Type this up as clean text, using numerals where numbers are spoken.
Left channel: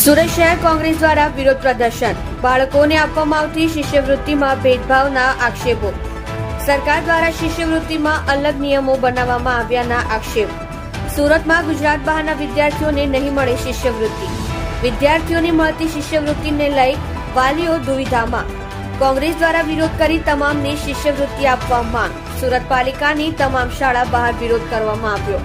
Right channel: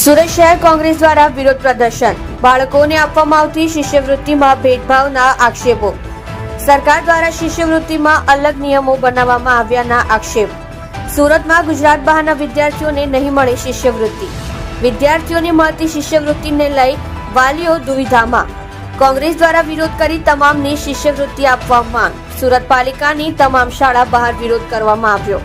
સુરત શહેર કોંગ્રેસ દ્વારા વિરોધ પ્રદર્શન, બાળકોને આપવામાં આવતી શિષ્યવૃત્તિમાં ભેદભાવના આક્ષેપો, સરકાર દ્વારા શિષ્યવૃત્તિમાં અલગ નિયમો બનાવવામાં આવ્યાના આક્ષેપ, સુરતમાં ગુજરાત બહારના વિદ્યાર્થીઓને નહીં મળે શિષ્યવૃત્તિ, વિદ્યાર્થીઓને મળતી શિષ્યવૃત્તિને લઈ વાલીઓ દુવિધામાં, કોંગ્રેસ દ્વારા વિરોધ કરી તમામને શિષ્યવૃત્તિ આપવા માંગ, સુરત પાલિકાની તમામ શાળા બહાર વિરોધ કરવામાં આવ્યો।